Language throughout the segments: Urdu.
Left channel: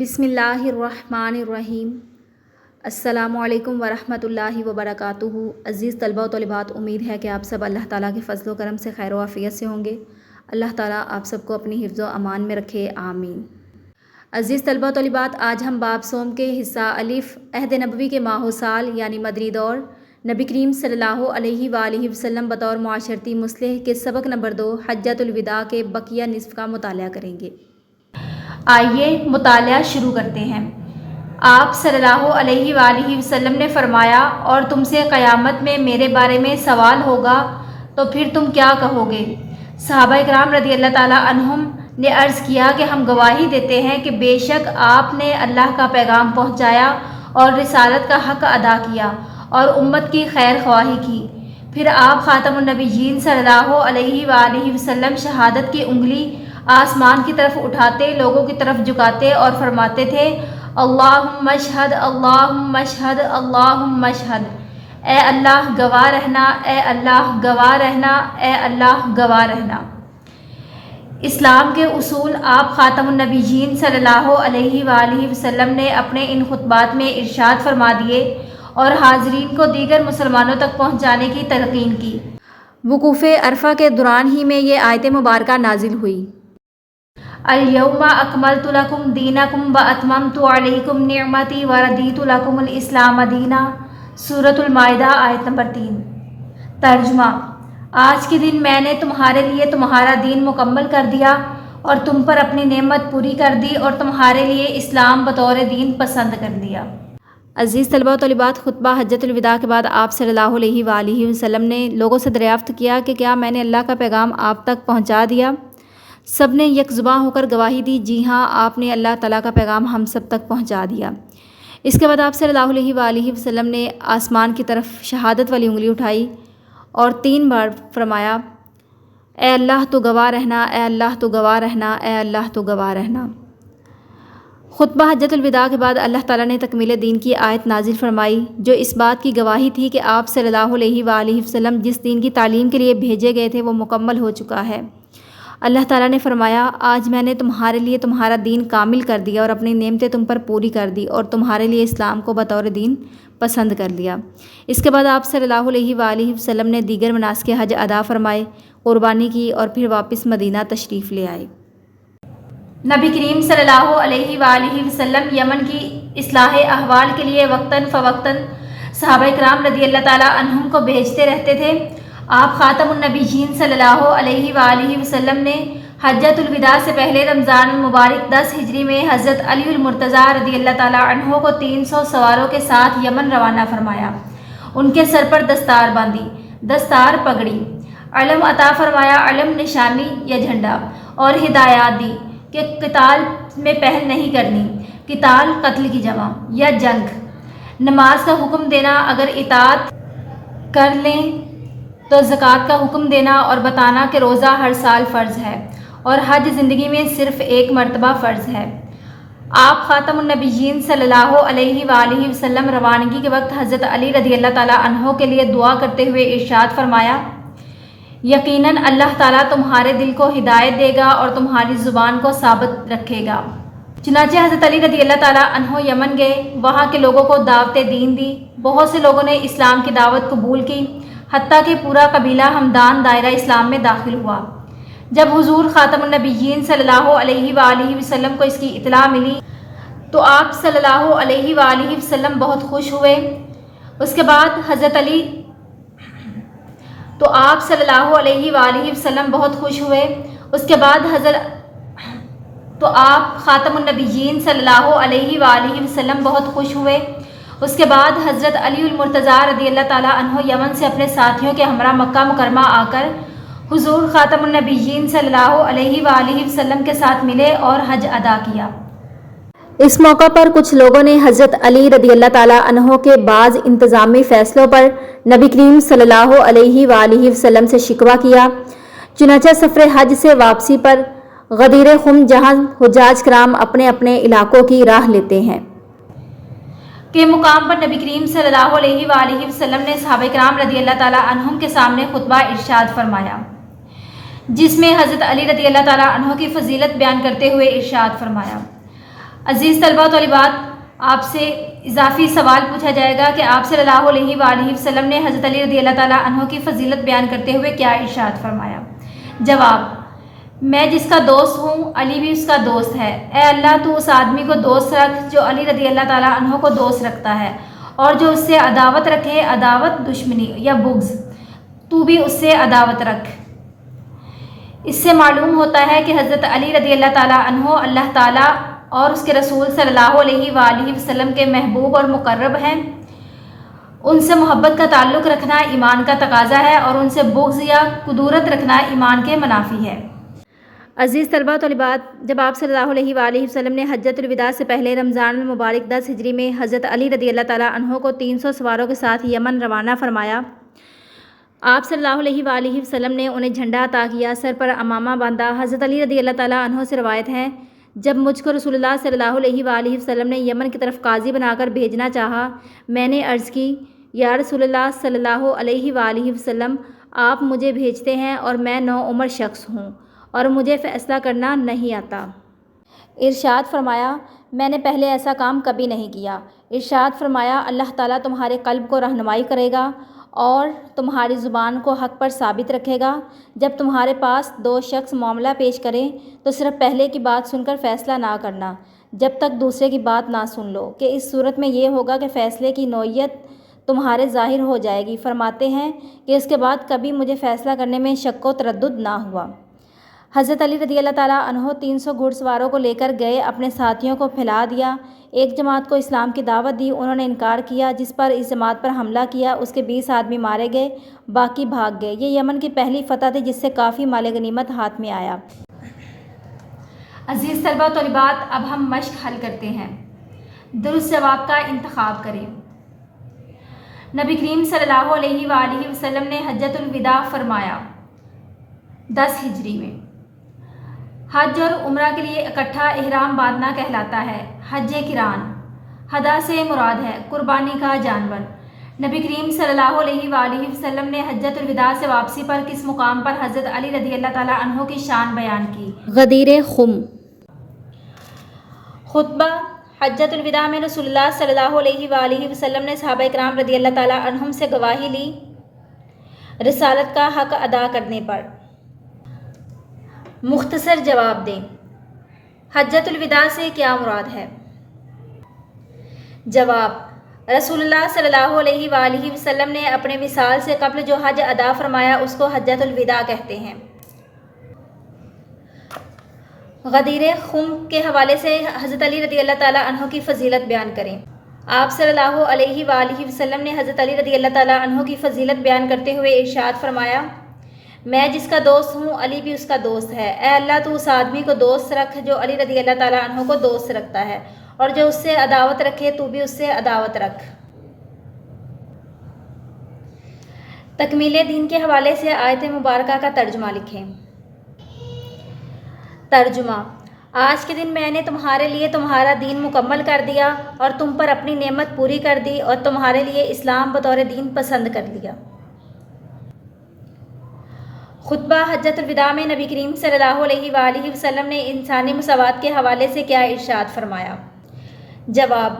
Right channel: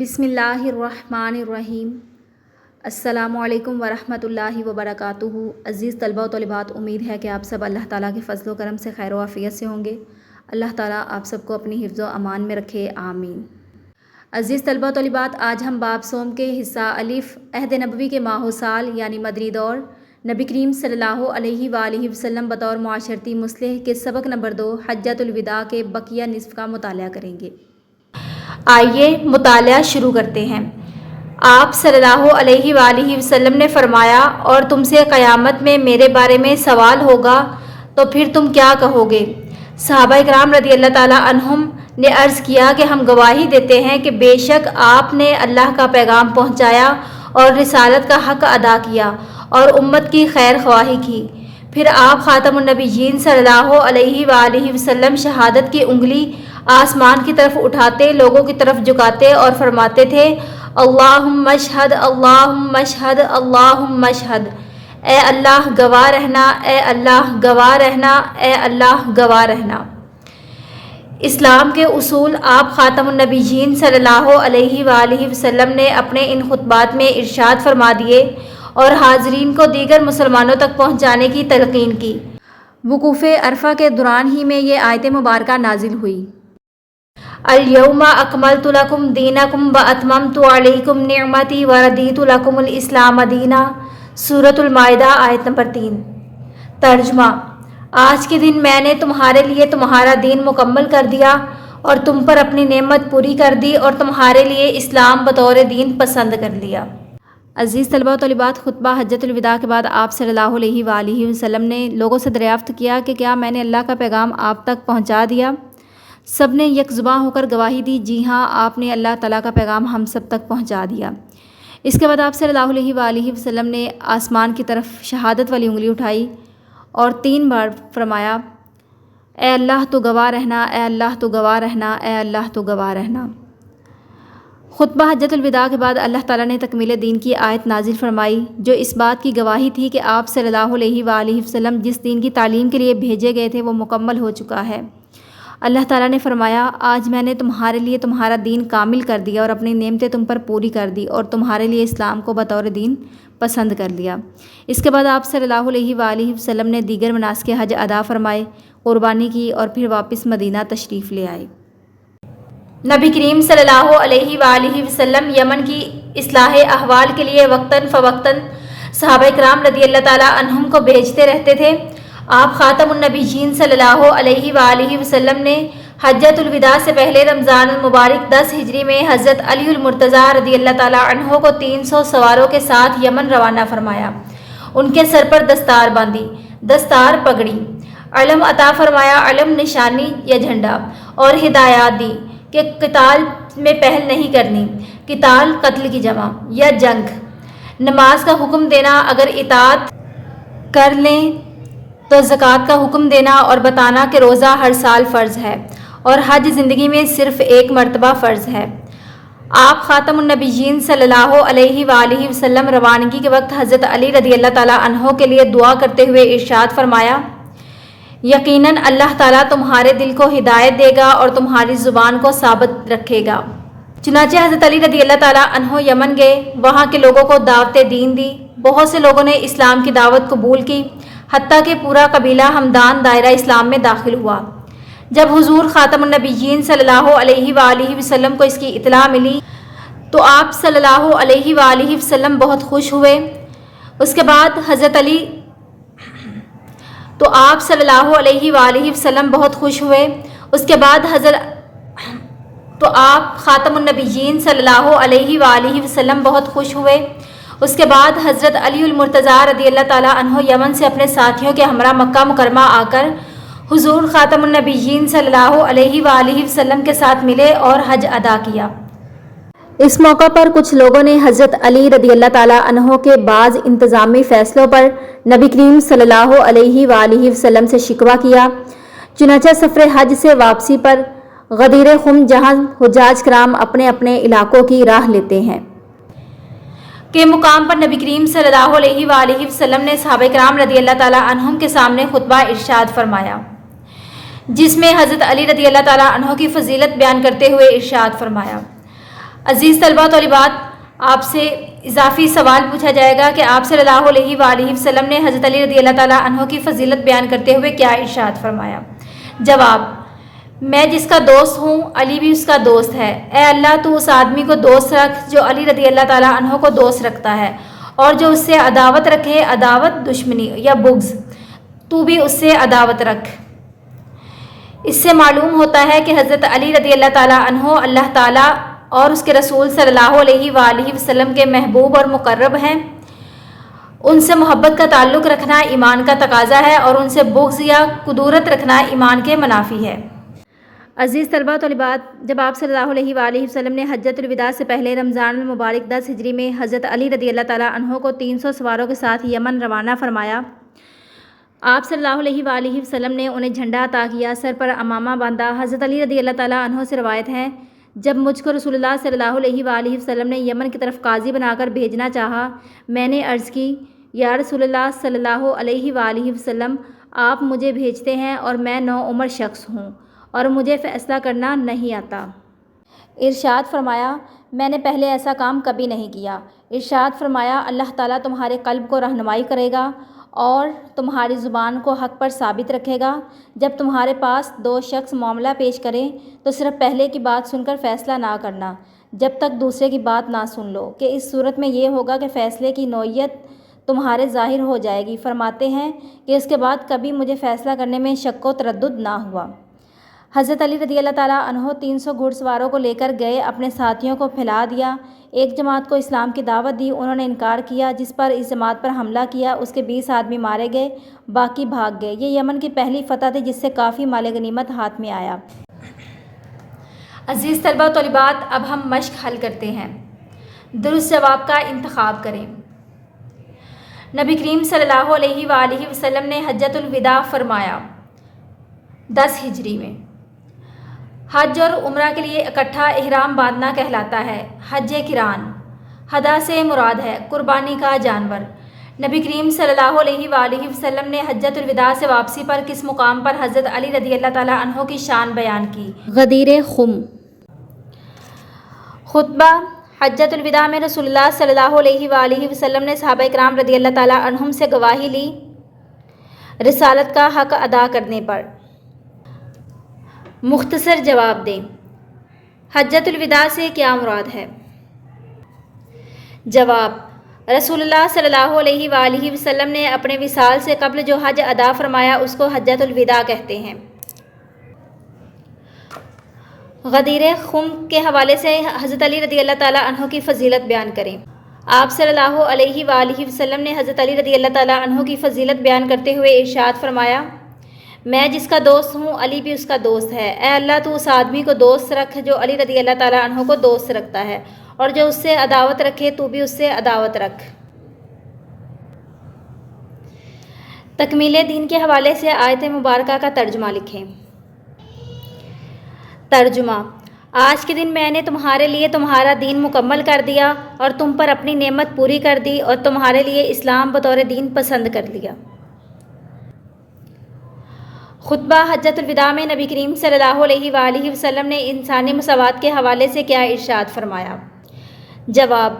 بسم اللہ الرحمن الرحیم۔ السلام علیکم ورحمۃ اللہ وبرکاتہ۔ عزیز طلبہ و طالبات، امید ہے کہ آپ سب اللہ تعالیٰ کے فضل و کرم سے خیر و عافیت سے ہوں گے۔ اللہ تعالیٰ آپ سب کو اپنی حفظ و امان میں رکھے، آمین۔ عزیز طلبہ و طالبات، آج ہم باب صوم کے حصہ الف عہد نبوی کے ماہ و سال یعنی مدنی دور نبی کریم صلی اللہ علیہ وآلہ وسلم بطور معاشرتی مصلح کے سبق نمبر 2 حجۃ الوداع کے بقیہ نصف کا مطالعہ کریں گے۔ آئیے مطالعہ شروع کرتے ہیں۔ آپ صلی اللہ علیہ وآلہ وسلم نے فرمایا، اور تم سے قیامت میں میرے بارے میں سوال ہوگا تو پھر تم کیا کہو گے؟ صحابہ اکرام رضی اللہ تعالیٰ عنہم نے عرض کیا کہ ہم گواہی دیتے ہیں کہ بے شک آپ نے اللہ کا پیغام پہنچایا اور رسالت کا حق ادا کیا اور امت کی خیر خواہی کی۔ پھر آپ خاتم النبیین صلی اللہ علیہ وآلہ وسلم شہادت کی انگلی آسمان کی طرف اٹھاتے، لوگوں کی طرف جھکاتے اور فرماتے تھے، اللہم اشہد، اللہم اشہد، اللہم اشہد، اے اللہ گواہ رہنا، اے اللہ گواہ رہنا، اے اللہ گواہ رہنا۔ اسلام کے اصول آپ خاتم النبیین صلی اللہ علیہ وآلہ وسلم نے اپنے ان خطبات میں ارشاد فرما دیے اور حاضرین کو دیگر مسلمانوں تک پہنچانے کی تلقین کی۔ وقوف عرفہ کے دوران ہی میں یہ آیت مبارکہ نازل ہوئی۔ الیوم اکملت لکم دینکم واتممت علیکم نعمتی وردیت لکم الاسلام دینا، سورۃ المائدہ آیت نمبر 3۔ ترجمہ: آج کے دن میں نے تمہارے لیے تمہارا دین مکمل کر دیا اور تم پر اپنی نعمت پوری کر دی اور تمہارے لیے اسلام بطور دین پسند کر لیا۔ عزیز طلبہ و طالبات، خطبہ حجۃ الوداع کے بعد آپ صلی اللہ علیہ وآلہ وسلم نے لوگوں سے دریافت کیا کہ کیا میں نے اللہ کا پیغام آپ تک پہنچا دیا؟ سب نے یک زباں ہو کر گواہی دی، جی ہاں، آپ نے اللہ تعالیٰ کا پیغام ہم سب تک پہنچا دیا۔ اس کے بعد آپ صلی اللہ علیہ وآلہ وسلم نے آسمان کی طرف شہادت والی انگلی اٹھائی اور 3 بار فرمایا، اے اللہ تو گواہ رہنا، اے اللہ تو گواہ رہنا، اے اللہ تو گواہ رہنا۔ خطبہ حجۃ الوداع کے بعد اللہ تعالیٰ نے تکمیل دین کی آیت نازل فرمائی، جو اس بات کی گواہی تھی کہ آپ صلی اللہ علیہ وآلہ وسلم جس دین کی تعلیم کے لیے بھیجے گئے تھے وہ مکمل ہو چکا ہے۔ اللہ تعالیٰ نے فرمایا، آج میں نے تمہارے لیے تمہارا دین کامل کر دیا اور اپنی نعمتیں تم پر پوری کر دی اور تمہارے لیے اسلام کو بطور دین پسند کر لیا۔ اس کے بعد آپ صلی اللہ علیہ وآلہ وسلم نے دیگر مناسک حج ادا فرمائے، قربانی کی اور پھر واپس مدینہ تشریف لے آئے۔ نبی کریم صلی اللہ علیہ وآلہ وسلم یمن کی اصلاح احوال کے لیے وقتاً فوقتاً صحابہ کرام رضی اللہ تعالیٰ عنہم کو بھیجتے رہتے تھے۔ آپ خاتم النبیین صلی اللہ علیہ وآلہ وسلم نے حجۃ الوداع سے پہلے رمضان المبارک 10 ہجری میں حضرت علی المرتضیٰ رضی اللہ تعالیٰ عنہ کو 300 سواروں کے ساتھ یمن روانہ فرمایا۔ ان کے سر پر دستار باندھی، دستار پگڑی، علم عطا فرمایا، علم نشانی یا جھنڈا، اور ہدایات دی کہ قتال میں پہل نہیں کرنی، قتال قتل کی جمع یا جنگ، نماز کا حکم دینا، اگر اطاعت کر لیں تو زکوٰۃ کا حکم دینا اور بتانا کہ روزہ ہر سال فرض ہے اور حج زندگی میں صرف ایک مرتبہ فرض ہے۔ آپ خاتم النبیین صلی اللہ علیہ وآلہ وسلم روانگی کے وقت حضرت علی رضی اللہ تعالیٰ عنہ کے لیے دعا کرتے ہوئے ارشاد فرمایا، یقیناً اللہ تعالیٰ تمہارے دل کو ہدایت دے گا اور تمہاری زبان کو ثابت رکھے گا۔ چنانچہ حضرت علی رضی اللہ تعالیٰ عنہ یمن گئے، وہاں کے لوگوں کو دعوت دین دی، بہت سے لوگوں نے اسلام کی دعوت قبول کی، حتیٰ کہ پورا قبیلہ ہمدان دائرہ اسلام میں داخل ہوا۔ جب حضور خاتم النبیین صلی اللہ علیہ وآلہ وسلم کو اس کی اطلاع ملی تو آپ صلی اللہ علیہ وآلہ وسلم بہت خوش ہوئے۔ اس کے بعد آپ خاتم النبیین صلی اللہ علیہ وآلہ وسلم بہت خوش ہوئے۔ اس کے بعد حضرت علی المرتضیٰ رضی اللہ تعالیٰ عنہ یمن سے اپنے ساتھیوں کے ہمراہ مکہ مکرمہ آ کر حضور خاتم النبیین صلی اللہ علیہ وآلہ وسلم کے ساتھ ملے اور حج ادا کیا۔ اس موقع پر کچھ لوگوں نے حضرت علی رضی اللہ تعالیٰ عنہ کے بعض انتظامی فیصلوں پر نبی کریم صلی اللہ علیہ وآلہ وسلم سے شکوہ کیا۔ چنانچہ سفر حج سے واپسی پر غدیر خم، جہاں حجاج کرام اپنے اپنے علاقوں کی راہ لیتے ہیں، کے مقام پر نبی کریم صلی اللہ علیہ وآلہ وسلم نے صحابہ کرام رضی اللہ تعالیٰ عنہم کے سامنے خطبہ ارشاد فرمایا، جس میں حضرت علی رضی اللہ تعالیٰ عنہ کی فضیلت بیان کرتے ہوئے ارشاد فرمایا، عزیز طلبہ و طالبات، آپ سے اضافی سوال پوچھا جائے گا کہ آپ صلی اللہ علیہ وآلہ وسلم نے حضرت علی رضی اللہ تعالیٰ عنہ کی فضیلت بیان کرتے ہوئے کیا ارشاد فرمایا؟ جواب: میں جس کا دوست ہوں علی بھی اس کا دوست ہے۔ اے اللہ، تو اس آدمی کو دوست رکھ جو علی رضی اللہ تعالیٰ عنہ کو دوست رکھتا ہے، اور جو اس سے عداوت رکھے، عداوت دشمنی یا بغض، تو بھی اس سے عداوت رکھ۔ اس سے معلوم ہوتا ہے کہ حضرت علی رضی اللہ تعالیٰ عنہ اللہ تعالیٰ اور اس کے رسول صلی اللہ علیہ وآلہ وسلم کے محبوب اور مقرب ہیں۔ ان سے محبت کا تعلق رکھنا ایمان کا تقاضا ہے، اور ان سے بغض یا کدورت رکھنا ایمان کے منافی ہے۔ عزیز طلبہ و طالبات، جب آپ صلی اللہ علیہ وآلہ وسلم نے حجۃ الوداع سے پہلے رمضان المبارک 10 ہجری میں حضرت علی رضی اللہ تعالیٰ عنہ کو 300 سواروں کے ساتھ یمن روانہ فرمایا، آپ صلی اللہ علیہ وآلہ وسلم نے انہیں جھنڈا عطا کیا، سر پر عمامہ باندھا۔ حضرت علی رضی اللہ تعالیٰ عنہ سے روایت ہے، جب مجھ کو رسول اللہ صلی اللہ علیہ وآلہ وسلم نے یمن کی طرف قاضی بنا کر بھیجنا چاہا، میں نے عرض کی، یا رسول اللہ صلی اللہ علیہ وآلہ وسلم، آپ مجھے بھیجتے ہیں اور میں نوعمر شخص ہوں اور مجھے فیصلہ کرنا نہیں آتا۔ ارشاد فرمایا، میں نے پہلے ایسا کام کبھی نہیں کیا۔ ارشاد فرمایا، اللہ تعالیٰ تمہارے قلب کو رہنمائی کرے گا اور تمہاری زبان کو حق پر ثابت رکھے گا۔ جب تمہارے پاس 2 شخص معاملہ پیش کریں تو صرف پہلے کی بات سن کر فیصلہ نہ کرنا جب تک دوسرے کی بات نہ سن لو، کہ اس صورت میں یہ ہوگا کہ فیصلے کی نوعیت تمہارے ظاہر ہو جائے گی۔ فرماتے ہیں کہ اس کے بعد کبھی مجھے فیصلہ کرنے میں شک و تردد نہ ہوا۔ حضرت علی رضی اللہ تعالیٰ عنہ 300 گھڑ سواروں کو لے کر گئے، اپنے ساتھیوں کو پھیلا دیا۔ ایک جماعت کو اسلام کی دعوت دی، انہوں نے انکار کیا، جس پر اس جماعت پر حملہ کیا، اس کے 20 آدمی مارے گئے، باقی بھاگ گئے۔ یہ یمن کی پہلی فتح تھی جس سے کافی مال غنیمت ہاتھ میں آیا۔ عزیز طلبہ و طالبات، اب ہم مشق حل کرتے ہیں۔ درست جواب کا انتخاب کریں۔ نبی کریم صلی اللہ علیہ وآلہ وسلم نے حجۃ الوداع فرمایا 10 ہجری میں۔ حج اور عمرہ کے لیے اکٹھا احرام باندھنا کہلاتا ہے۔ حج قران، ہدا سے مراد ہے قربانی کا جانور۔ نبی کریم صلی اللہ علیہ وآلہ وسلم نے حجۃ الوداع سے واپسی پر کس مقام پر حضرت علی رضی اللہ تعالیٰ عنہ کی شان بیان کی؟ غدیر خم۔ خطبہ حجۃ الوداع میں رسول اللہ صلی اللہ علیہ وآلہ وسلم نے صحابہ کرام رضی اللہ تعالیٰ عنہم سے گواہی لی رسالت کا حق ادا کرنے پر۔ مختصر جواب دیں، حجۃ الوداع سے کیا مراد ہے؟ جواب: رسول اللہ صلی اللہ علیہ وآلہ وسلم نے اپنے وصال سے قبل جو حج ادا فرمایا اس کو حجۃ الوداع کہتے ہیں۔ غدیر خم کے حوالے سے حضرت علی رضی اللہ تعالیٰ عنہ کی فضیلت بیان کریں۔ آپ صلی اللہ علیہ وآلہ وسلم نے حضرت علی رضی اللہ تعالیٰ عنہ کی فضیلت بیان کرتے ہوئے ارشاد فرمایا، میں جس کا دوست ہوں علی بھی اس کا دوست ہے۔ اے اللہ، تو اس آدمی کو دوست رکھ جو علی رضی اللہ تعالیٰ عنہ کو دوست رکھتا ہے، اور جو اس سے عداوت رکھے تو بھی اس سے عداوت رکھ۔ تکمیل دین کے حوالے سے آیت مبارکہ کا ترجمہ لکھیں۔ ترجمہ: آج کے دن میں نے تمہارے لیے تمہارا دین مکمل کر دیا اور تم پر اپنی نعمت پوری کر دی اور تمہارے لیے اسلام بطور دین پسند کر لیا۔ خطبہ حجۃ الوداع میں نبی کریم صلی اللہ علیہ وآلہ وسلم نے انسانی مساوات کے حوالے سے کیا ارشاد فرمایا؟ جواب:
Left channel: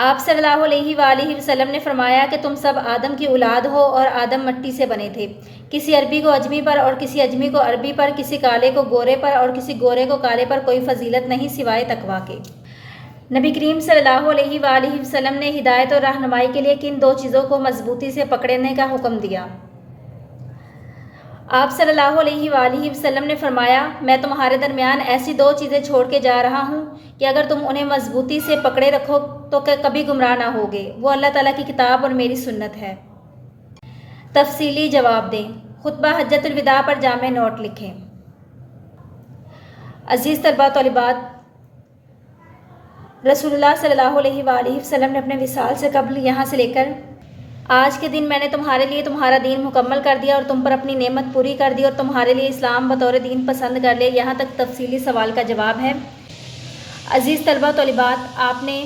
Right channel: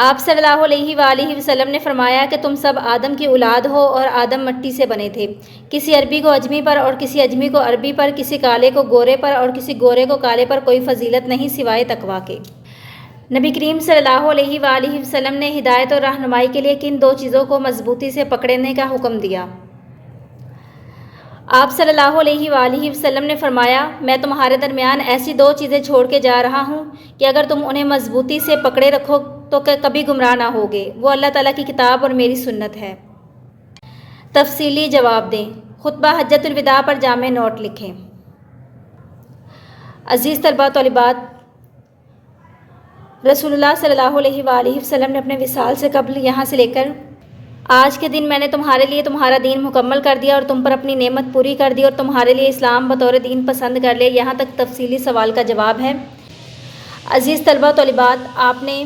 آپ صلی اللہ علیہ وآلہ وسلم نے فرمایا کہ تم سب آدم کی اولاد ہو اور آدم مٹی سے بنے تھے۔ کسی عربی کو اجمی پر اور کسی اجمی کو عربی پر، کسی کالے کو گورے پر اور کسی گورے کو کالے پر کوئی فضیلت نہیں سوائے تقویٰ کے۔ نبی کریم صلی اللہ علیہ وآلہ وسلم نے ہدایت اور رہنمائی کے لیے کن 2 چیزوں کو مضبوطی سے پکڑنے کا حکم دیا؟ آپ صلی اللہ علیہ وآلہ وسلم نے فرمایا، میں تمہارے درمیان ایسی 2 چیزیں چھوڑ کے جا رہا ہوں کہ اگر تم انہیں مضبوطی سے پکڑے رکھو تو کبھی گمراہ نہ ہوگے۔ وہ اللہ تعالیٰ کی کتاب اور میری سنت ہے۔ تفصیلی جواب دیں۔ خطبہ حجۃ الوداع پر جامع نوٹ لکھیں۔ عزیز طلبہ طالبات، رسول اللہ صلی اللہ علیہ وآلہ وسلم نے اپنے وصال سے قبل یہاں سے لے کر آج کے دن میں نے تمہارے لیے تمہارا دین مکمل کر دیا اور تم پر اپنی نعمت پوری کر دی اور تمہارے لیے اسلام بطور دین پسند کر لیا، یہاں تک تفصیلی سوال کا جواب ہے۔ عزیز طلبہ طالبات، آپ نے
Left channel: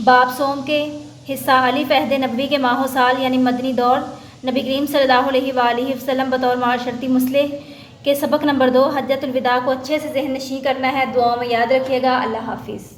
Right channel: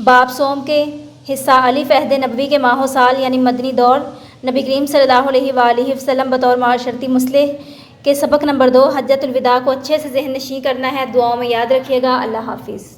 باب صوم کے حصہ الف عہد نبوی کے ماہ و سال یعنی مدنی دور، نبی کریم صلی اللہ علیہ وآلہ وسلم بطور معاشرتی مصلح کے سبق نمبر 2 حجۃ الوداع کو اچھے سے ذہن نشین کرنا ہے۔ دعاؤں میں یاد رکھیے گا۔ اللہ حافظ۔